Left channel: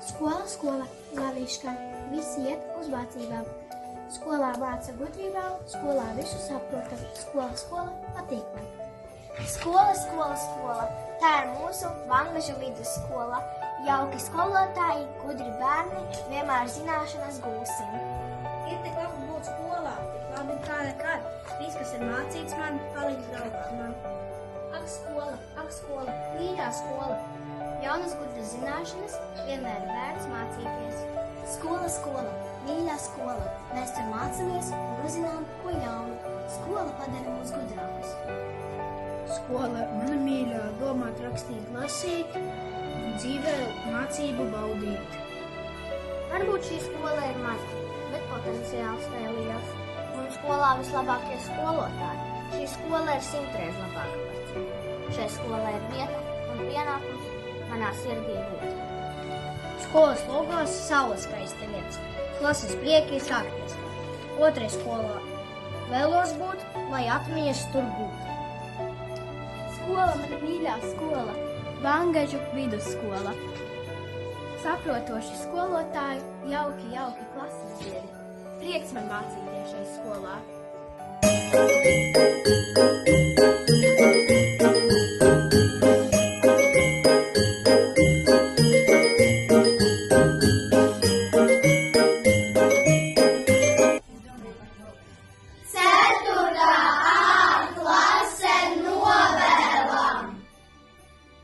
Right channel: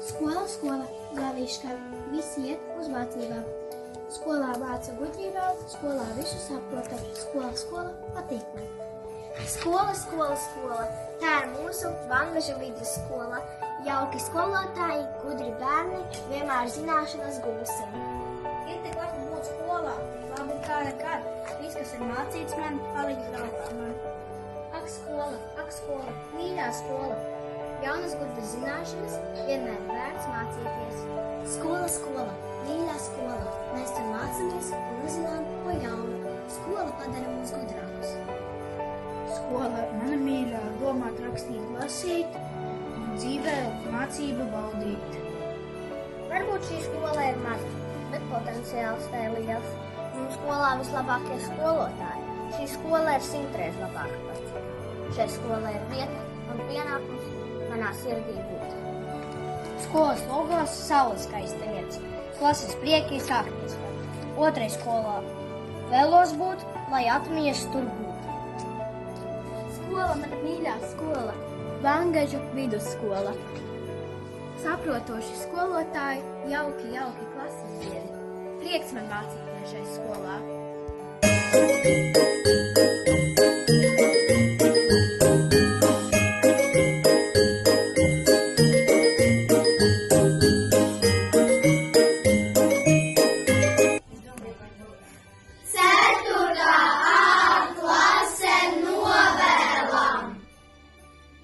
Skola, skola, laviškā, visi iet uz mācībām. Skolā māca gudrībām, skolā visu saprotam, skola, skola, patīk man. Skola, skola, skola, tā ir mūsu Vangaža vidusskola. Jauki skolotāji, gudri bērni, vienmēr zināšanas gūsim. Ir tik labi būt skolā, tik labi kā nekad. Viss, kas ir mācīts man, paliks galvā man. Ak skola, mīļā skola. Jaunas gudras zināšanas, vienmēr vērts mācīties. Skola, skola, mīļā skola, mēs tur mācāmies un uzzinām ko jaunu. Skola padara mūs gudrākus. Skola, mana mīļā, domāt, rakstīt, lasīt un dzīvē mācību baudīt. Varbūt šī skola ir maza, bet potenciāls tā ir liels. Mums skolā vislabākie skolotāji. Šī skola ir 100 reizes labāka pats. Šai skolai ir vieta un pienākums manā sirdī būt. Skolas logos saules skaista lietas. Klases prieki sākties. Otrai skolā vēlos būt, lai atmiņas tur būtu. Skola, mana mīļā skola, Vangažu vidusskola. Saprotoši skolotāji, jauki klases biedri. Prieks man mācīties šai skolā.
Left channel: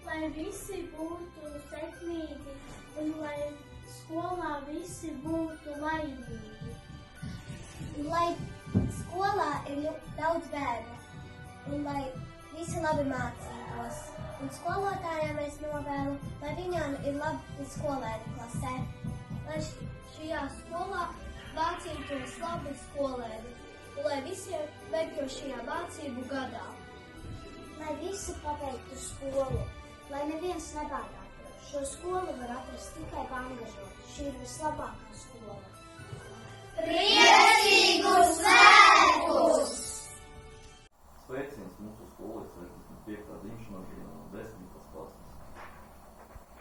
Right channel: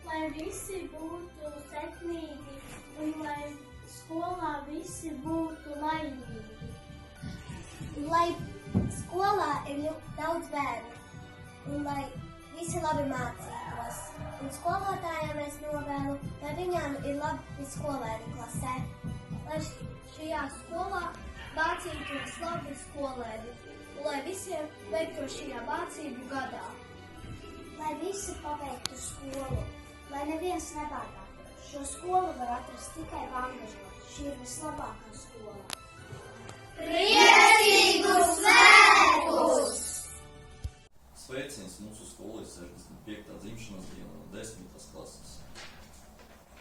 Lai visi būtu sekmīgi un lai skolā visi būtu laimīgi. Lai skolā ir daudz bērnu un lai visi labi mācītos. Un skolotājiem es novēlu, lai viņām ir labi skolēni klasē. Lai šajā skolā mācītos labi skolēni un lai visiem veiktu šajā mācību gadā. Lai visi pabeigtu skolu, lai neviens nebādātu. Šo skolu var atrast tikai Vangažā. Šī ir vislabākā skola. Priecīgus svētkus! Sveiciens mūsu skolas 65. dzimšanas diena no 10. klases.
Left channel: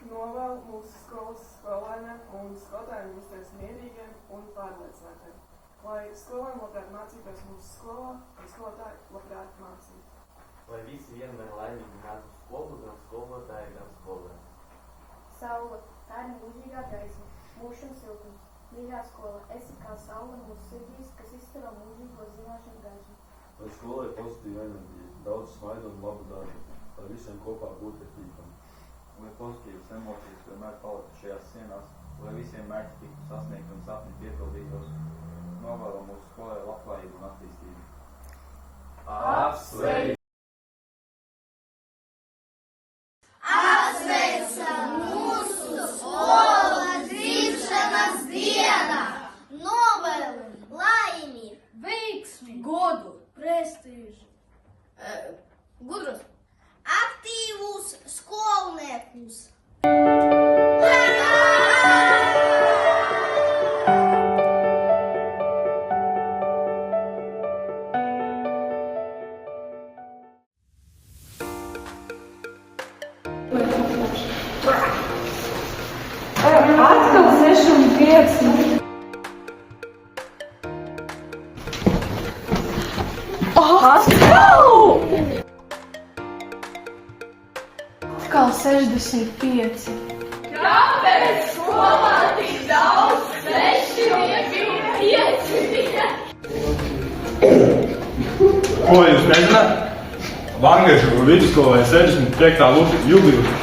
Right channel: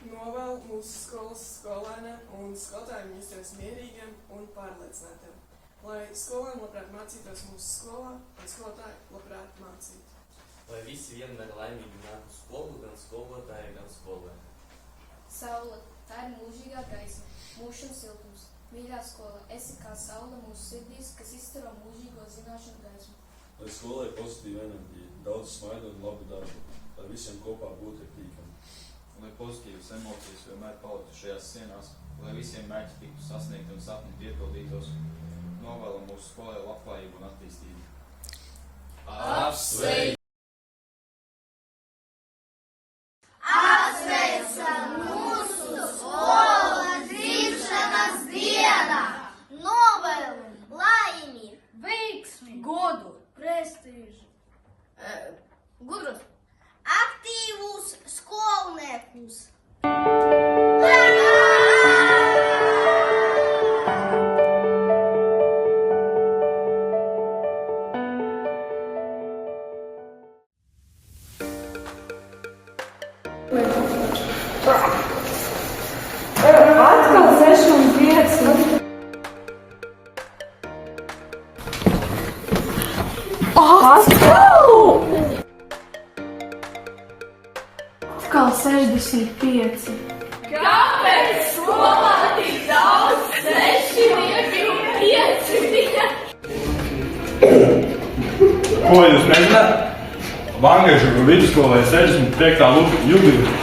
Novēlu mūsu skolas skolēniem un skolotājiem justies mierīgiem un pārliecinātiem, lai skolēni labprāt mācītos mūsu skolā un skolotāji labprāt mācītu. Lai visi vienmēr laimīgi nāk uz skolu, gan skolotāji, gan skolēni. Saule, tā ir mūžīgā gaisma, mūžam siltums. Mīļā skola, esi kā saule mūsu sirdīs, kas izstaro mūžīgo zināšanu gaismu. Lai skolai pozitīva enerģija, daudz smaidu un labu darbu, lai visiem kopā būtu ir tīkami. Lai pozitīvas emocijas vienmēr paliktu šajās sienās, lai visiem mērķi tiktu sasniegti un sapni piepildītos, novēlam mūsu skolai labklājību un attīstību. Apsveic! Apsveicam mūsu skolas dzimšanas dienā! Novēlam laimi, Veiksmi, godu, prestižu, gudrus, aktīvus skolniekus. Atkal 6 un 5. Atkal 65. Kāpēc skolā tik daudz 6 un 5? Ko jūs mēģināt? Vangažu vidusskolai 65. jubileja.